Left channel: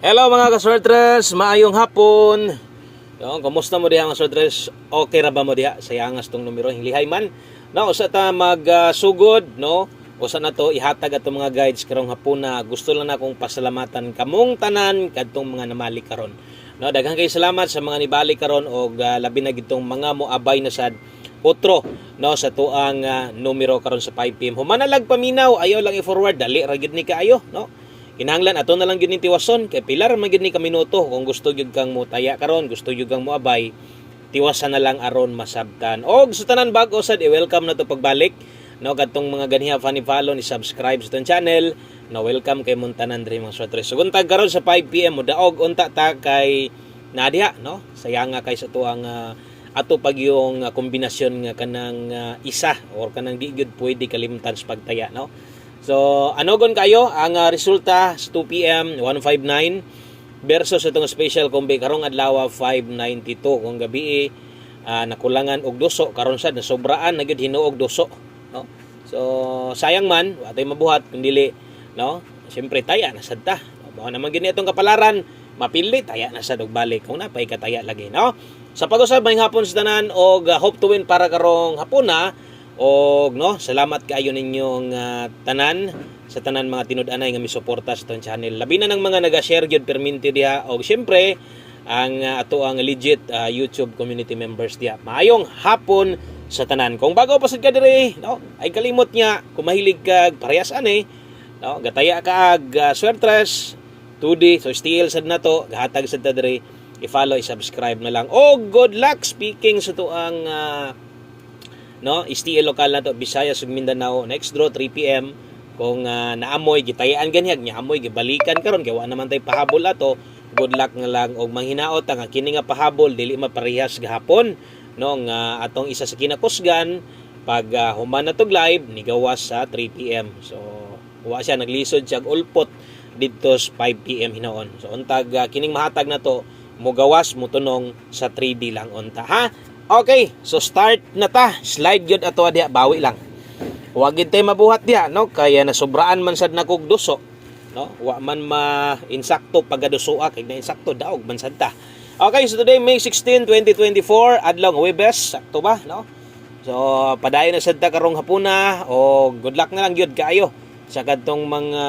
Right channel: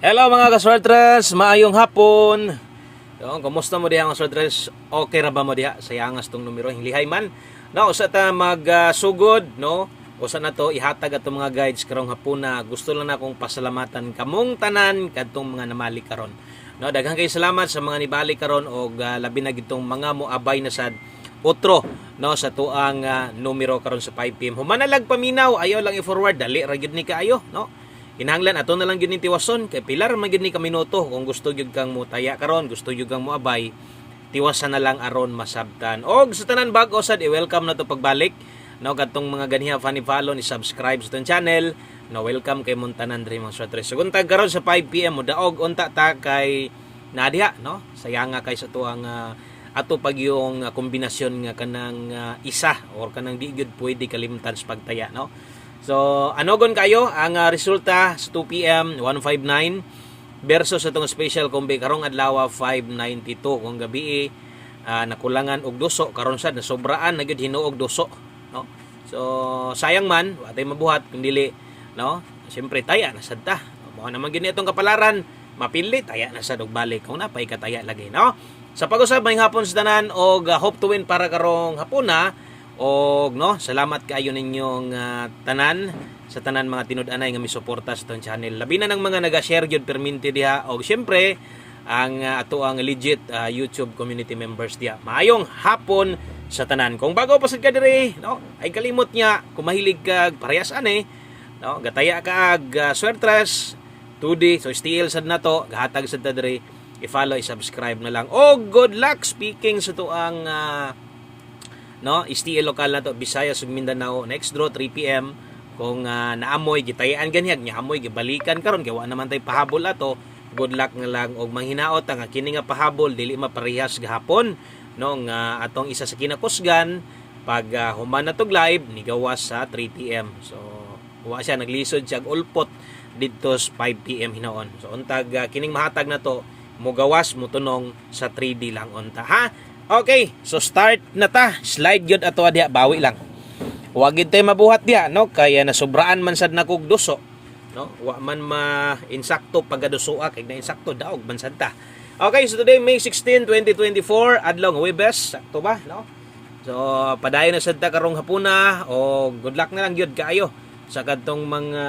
Hello mga ka-sortress, maayong hapon. Kumusta mo diha mga sortress? Okay ra ba mo diha sa yangas tong numero hinglihay man? No, usa ta magsugod, no? Usa na to ihatag ato mga guides karong hapon na gusto lang na akong pasalamatan kamong tanan kadtong mga namali karon. No, daghang kay salamat sa mga nibali karon og labi na gitong mga moabay na sad otro no sa tuang numero karon sa 5 PM. Humanalag paminaw, ayaw lang i-forward dali ra gyud ni kaayo, no? Kinahanglan ato na lang gyud ni tiwason kay pilar man gyud ni ka minuto kung gusto gyud kang mutaya karon, gusto gyud kang moabay, tiwasan na lang aron masabtan. Og sa tanan bag-o sad i-welcome na to pagbalik. No, kadtong mga ganiha funny follow ni subscribe sa tong channel. No, welcome kay Montanan diri mga sortres. Sugod tag karon sa 5 PM mo daog unta ta kay Nadia, no? Sayanga kay sa tuang ato pag yung kombinasyon nga kanang isa or kanang di gyud pwede kalimtan sa pagtaya, no? So, anogon kayo ang resulta sa 2 PM 159 versus itong special kombi karong adlaw 592 kung gabi nakulangan og duso karon sad nasobraan na gyud hinuog duso, no? So, sayang man watay mabuhat kun dili, no? Siyempre taya na sad ta. Mao naman gyud itong kapalaran, mapili taya na sad og balik kung napay kataya lagi, no? Sa pag-usab may hapon sa tanan og hope to win para karong hapon na. Og no, salamat kaayo ninyong tanan sa tanan mga tinud-anay nga misuporta sa tong channel. Labi na ng mga naga-share gyud perminti diha og syempre ang ato ang legit YouTube community members diha. Maayong hapon sa tanan. Kung bago pa sad ka diri, no, ay kalimot nya kung mahilig kag parehas ani, no, gataya ka ag swertres 2D so still sad na to, gahatag sad ta diri, i-follow, i-subscribe na lang. Og good luck speaking sa to ang no, STL lokal na to, Visayas ug Mindanao. Next draw 3 PM kung naamoy gitayaan ganihag nya amoy gibalikan karon kay wa naman tay pahabol ato. Good luck nga lang og manghinaot nga kini nga pahabol dili maparehas gahapon, no, nga atong isa sa kinakusgan pag human na tog live ni gawas sa 3 PM. So wa siya naglisod siya ulpot didto sa 5 PM hinaon. So untag kining mahatag na to mo gawas mo tunong sa 3D lang unta, ha? Okay, so start na ta. Slide gyud ato diha, bawi lang. Wa gid tay mabuhat diha, no? Kaya nasobraan man sad nakog duso, no? Wa man ma-insakto pagadusoa kay na insakto daog man sad ta. Okay, so today May 16, 2024, adlaw Huwebes, sakto ba, no? So padayon na sad ta karong hapuna o good luck na lang gyud kaayo sa kadtong mga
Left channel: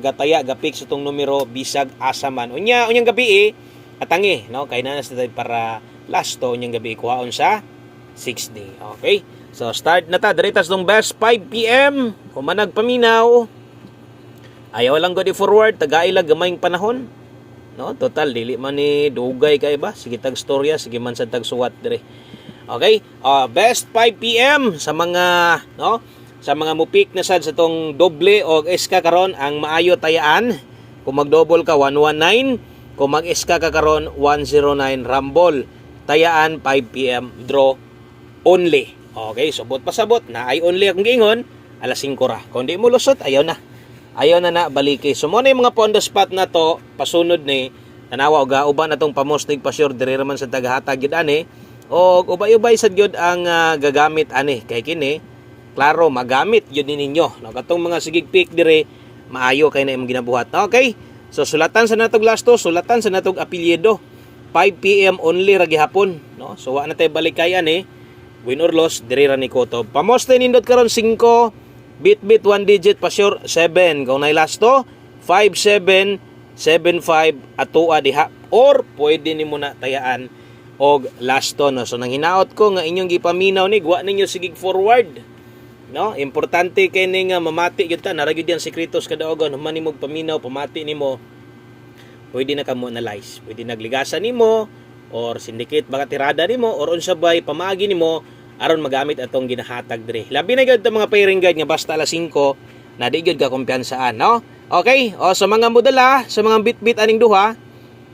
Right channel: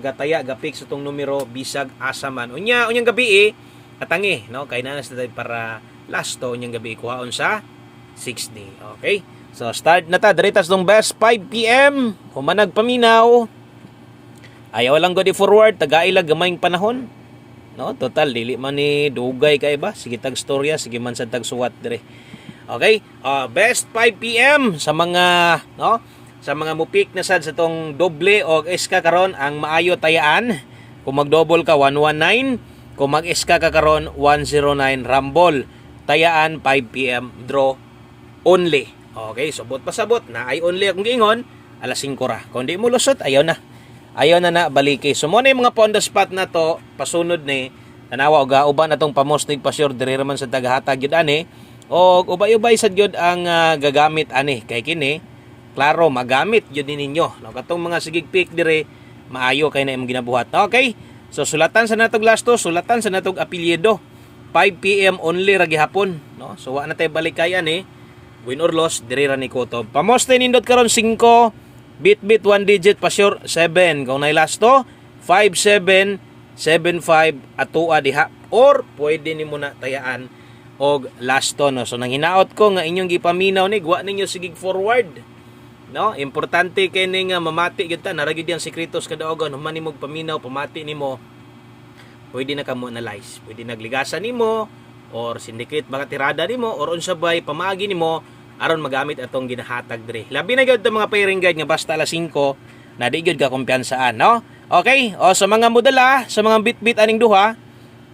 gataya gapik sa tong numero bisag asa man. Unyang gabi atangi, no? Kay na sa para last to niyang gabi kuhaon sa 6 day. Okay? So start na ta diritas tong best 5 PM. Kung manag paminaw, ayaw lang go di forward tagaila gamayng panahon. No, total dili man ni dugay kay ba? Sige tag storya, sige man sa tag suwat dire. Okay? Best 5 PM sa mga no, sa mga mupik na sad sa tong doble o SK karon ang maayo tayaan. Kung mag-double ka 119, kung mag-SK ka karon 109 rumble. Tayaan 5 PM draw only. Okay, so bot pasabot na ay only akong giingon alas 5 ra. Kung di mo lusot ayaw na. Ayaw na baliki. So mo na yung mga on the spot na to pasunod ni tanawa og uban natong pamostig pa sure diri man sa tagahatag gyud ani. Og ubay-ubay sad gyud ang gagamit ani kay kini klaro magamit gyud ninyo. No, katong mga sigig pick dire maayo kay na imong ginabuhat. Okay? So sulatan sa natog lasto, sulatan sa natog apelyido. 5 PM only ra gihapon, no? So wa na tay balikayan win or loss diri ra ni Kotob. Pamoste nindot karon 5, bit 1 digit pa sure 7. Kung nay lasto 57 75 atua diha or pwede nimo na tayaan og lasto, no? So nang hinaot ko nga inyong gipaminaw ni wa ninyo sigig forward, no? Importante kay ni nga mamati gyud ta, nara gyud yang sekretos kadaogon human nimo paminaw pamati nimo. Pwede na kamo analyze, pwede nagligasan nimo or syndicate baka tirada nimo or unsabay pamaagi nimo aron magamit atong ginahatag dire. Labi na gyud ta mga pairing guide nga basta alas 5 na di gyud ka kumpiyansaan, no? Okay, o sa mga modala, sa mga bit-bit aning duha,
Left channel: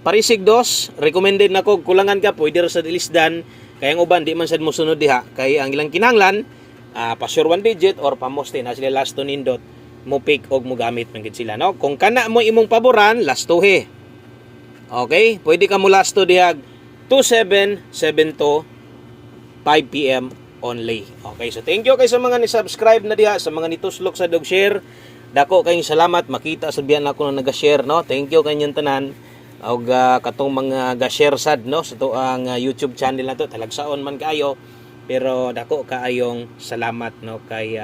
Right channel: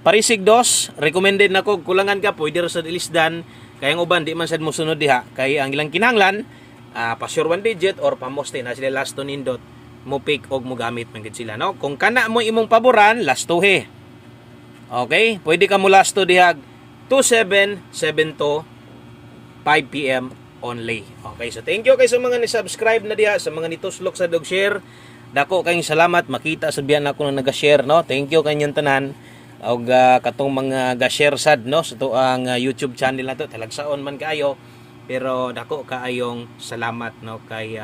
parisig dos, recommended nako kulangan ka pwede ra sa ilisdan kay ang uban di man sad mosunod diha kay ang ilang kinahanglan pa sure 1 digit or pamoste na sila last to nindot mo pick og mo gamit man gid sila, no? Kung kana mo imong paboran, lastohe. Okay, pwede ka mo lasto dihag 2772 5 PM only. Okay, so thank you kay sa mga ni-subscribe na diha, sa mga nituslok sa dog share. Dako kayong salamat, makita sa biyan ako na nag-share, no? Thank you kanyang tanan. og katong mga ga-share sad no sa to ang YouTube channel nato talagsaon man kaayo pero dako kaayong salamat no kay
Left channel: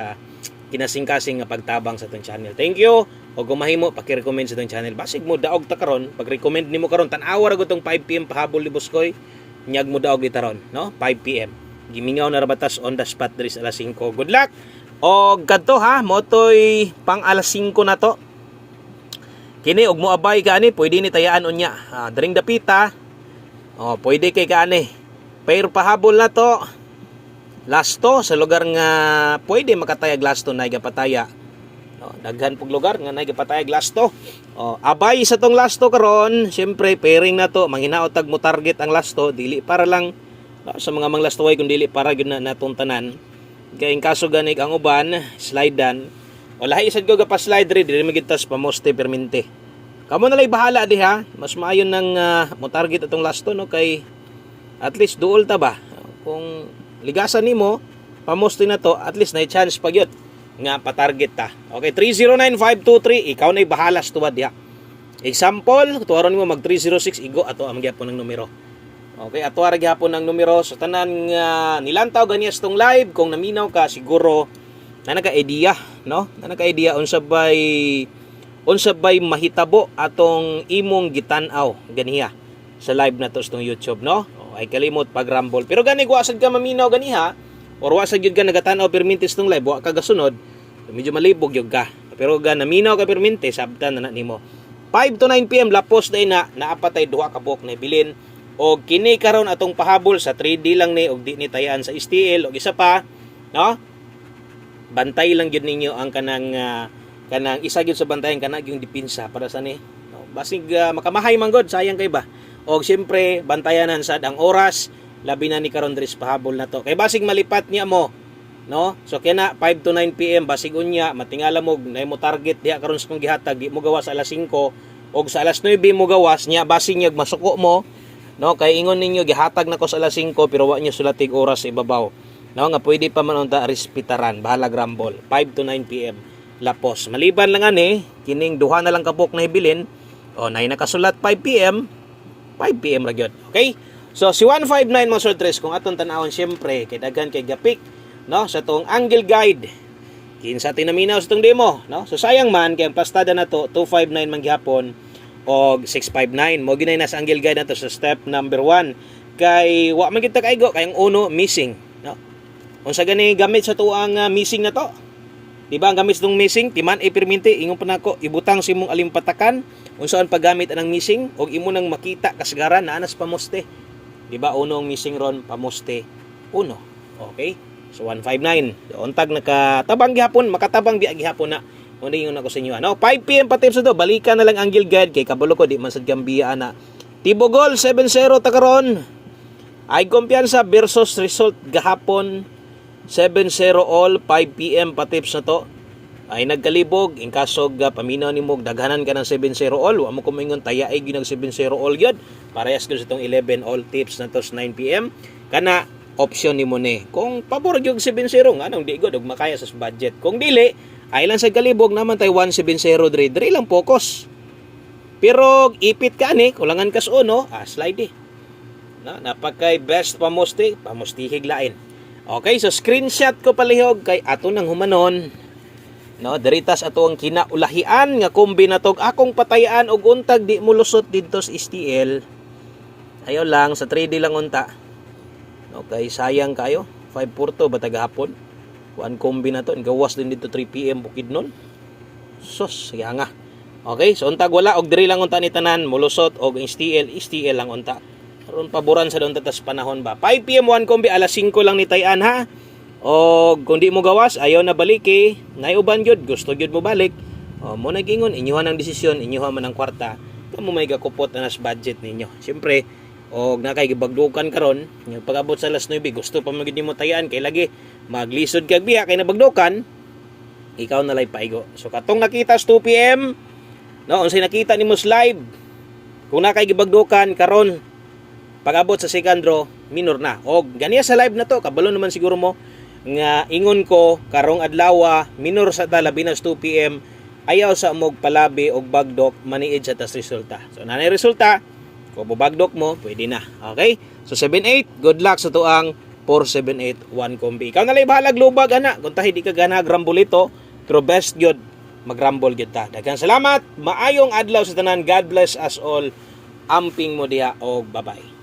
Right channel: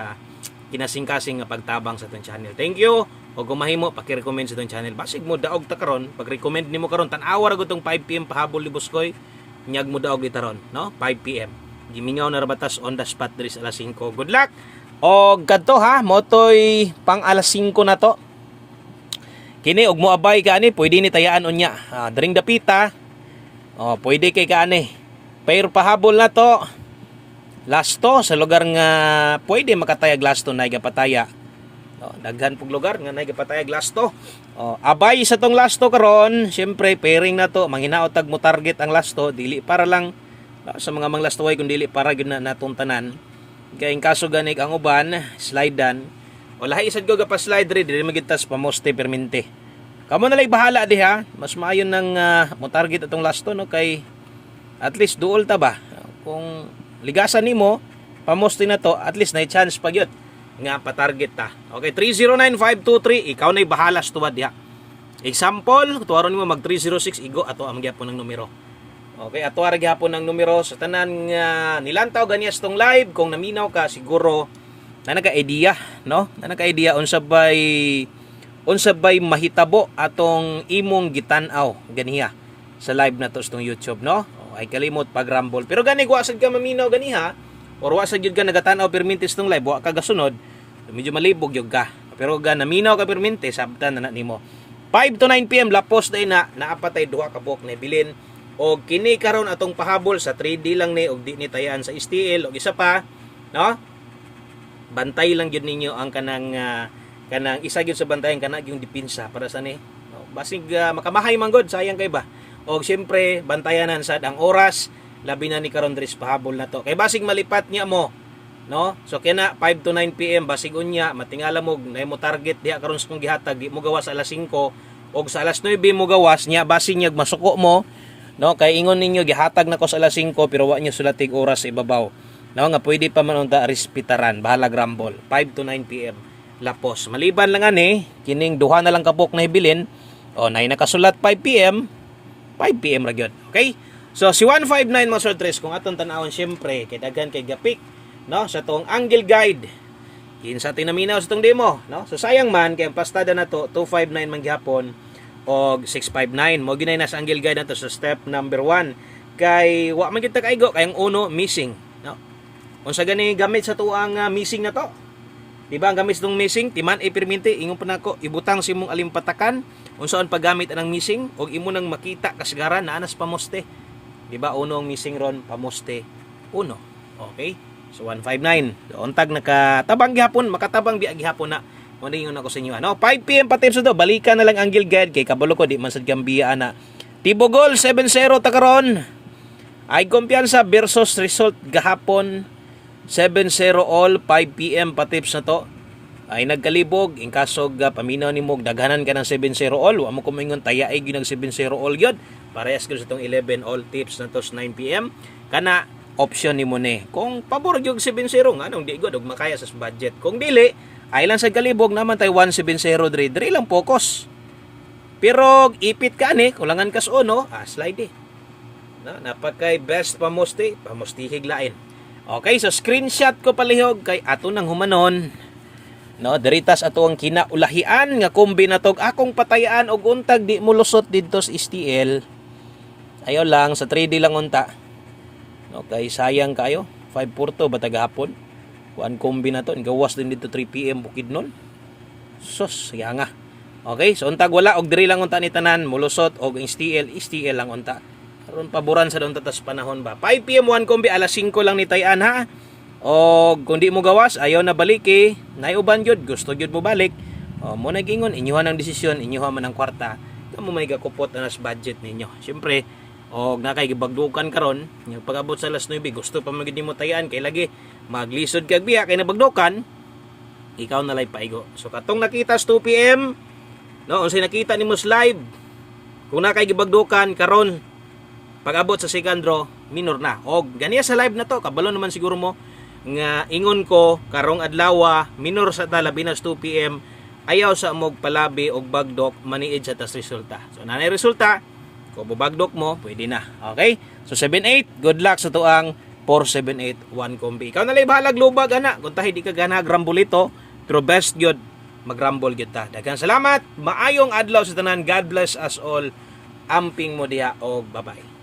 kinasing-kasing nga pagtabang sa tong channel. Thank you. O kung mahimo paki-recommend sa tong channel. Basig mo daog ta karon, pag-recommend nimo karon tan-awa ra gud tong 5 PM pahabol ni Buskoy. Nyag mo daog ditaron, no? 5 PM. Gimingaw na rabatas on the spot diri sa alas 5. Good luck. O kadto ha, motoy pang alas 5 na to. Kini og moabay ka ani, pwede ni tayaan unya. Dring dapita. Oh, pwede kay kaani. Pero pahabol na to. Lasto sa lugar nga pwede makatayag lasto na igapataya. Oh, daghan pug lugar nga naigapatayag lasto. Oh, abay sa tong lasto karon, syempre pairing na to, manghinaot tag mo target ang lasto, dili para lang sa mga manglastoy kun dili para gyud na natong tanan. Kay in kaso ganig ang uban, slidean. O lahi isad ko pa slide diri magitas pamoste permente. Kamo na lay bahala diha, mas maayon nang mo target atong lasto no kay at least duol ta ba. Kung ligasan nimo pamoste na to, at least na chance pa gyud nga pa-target ta. Okay, 309523 ikaw nay bahala sa tuwad diha. Example, tuwaron nimo mag 306 igo ato ang gyapon ng numero. Okay, ato ra gyapon ng numero sa tanan nga nilantaw ganiya tong live kung naminaw ka siguro na naka-idea, no? Na naka-idea unsa bay mahitabo atong imong gitan-aw ganiya sa live na to sa YouTube, no? O, ay kalimot pag rumble. Pero gani wasad ka maminaw ganiha or wasad gyud ka nagatan-aw permintes tong live, wa ka gasunod, medyo malibog gyud ka. Pero ga naminaw ka permintes sabtan na nimo. 5 to 9 PM lapos day na naapatay duha ka buok na bilin og kini karon atong pahabol sa 3D lang ni og di ni tayaan sa STL og isa pa, no? Bantay lang gyud ninyo ang kanang isa gyud sa bantayan kana yung depensa para sa ni no? Basig makamahay man gud sayang kay ba og siyempre bantayanan sad ang oras labi na ni karon dris pahabol na to kay basig malipat niya mo no so kaya 5 to 9 PM basig unya matingala mo na mo target diha karon sa kong gihatag di mo gawas alas 5 og sa alas 9 mo gawas niya basig niya masuko mo no kay ingon ninyo gihatag na ko sa alas 5 pero wa niyo sulatig oras sa ibabaw. No, nga pwede pa man unta respetaran bahala grumble 5 to 9 PM lapos maliban lang ani kining duha na lang kabuk na ibilin o nay nakasulat 5 PM 5 PM ra gyud. Okay, so si 159 mga sortres kung aton tan-awon syempre kay daghan kay gapik no sa tong angle guide kinsa tinaminaw sa tong demo no so sayang man kay ang pastada na to 259 man gihapon og 659 mo ginay na sa angle guide nato sa step number 1 kay wa man kita kaigo kay ang uno missing. Unsa gani gamit sa tuang missing na to? Di ba ang gamit ng missing timan perminti ingon pa nako ibutang si imong alimpatakan unsaon paggamit anang missing og imo nang makita kasagaran na anas pamoste. Di ba uno ang missing ron pamoste uno. Okay? So 159. So, untag nakatabang gihapon makatabang biya gihapon na. Mo ingon ako sa inyo ano 5 PM pa tips to balikan na lang angle guide kay kabalo ko di man sad gambiya na. Tibogol 7-0 ta karon. Ay kumpiyansa versus result gahapon 7-0 all 5 PM pa tips na to ay nagkalibog in kasog paminaw nimo daghanan ka ng 7-0 all wa mo kumingon taya ay ginag 7-0 all gyud parehas gyud sa tong 11 all tips na to 9 PM kana option nimo ni kung pabor gyud 7-0 nganong di gud og makaya sa budget kung dili ay lang sa kalibog naman tay 1-7-0 dre lang focus pero ipit ka ni kulangan kas uno slide no napakay best pamustihig lain. Okay, so screenshot ko palihog kay ato nang humanon. No, diritas ato ang kinaulahian nga kombinatog akong patayaan og untag di mo lusot didto sa STL. Ayo lang sa 3D lang unta. No, kay sayang kayo. 5-4 ba tagahapon? One kombinato gawas din dito 3 PM bukid nun. Sus, sayang nga. Okay, so untag wala og diri lang unta ni tanan mulusot og STL lang unta. Karon paboran sa doon tatas panahon ba 5 PM 1 kombi alas 5 lang ni tayan ha o kung di mo gawas ayaw na baliki naiuban gyud gusto gyud mo balik mo nagingon inyuhan ang desisyon inyuhan man ang kwarta kamo may gakupot na nas budget ninyo syempre og nakay gibagdukan karon yung pag-abot sa alas 9 gusto pa magid nimo tayan kay lagi maglisod kag biya kay nabagdukan ikaw na lay paigo so katong nakita sa 2 PM no unsay nakita nimo sa live kung nakay gibagdukan karon pag-abot sa second draw, minor na. O ganiya sa live na to, kabalo naman siguro mo nga ingon ko karong adlaw minor sa talabinas 2 PM ayaw sa mog palabi og bagdok maniid sa tas resulta. So nanay resulta, kung bagdok mo, pwede na. Okay? So 7-8, good luck sa tuang 4-7-8 1 kombi. Ikaw na lang bahalag lubag ana. Kung tahi di ka gana grambulito, through best gyud magrambol gyud ta. Daghang salamat. Maayong adlaw sa tanan. God bless us all. Amping mo diha og bye-bye.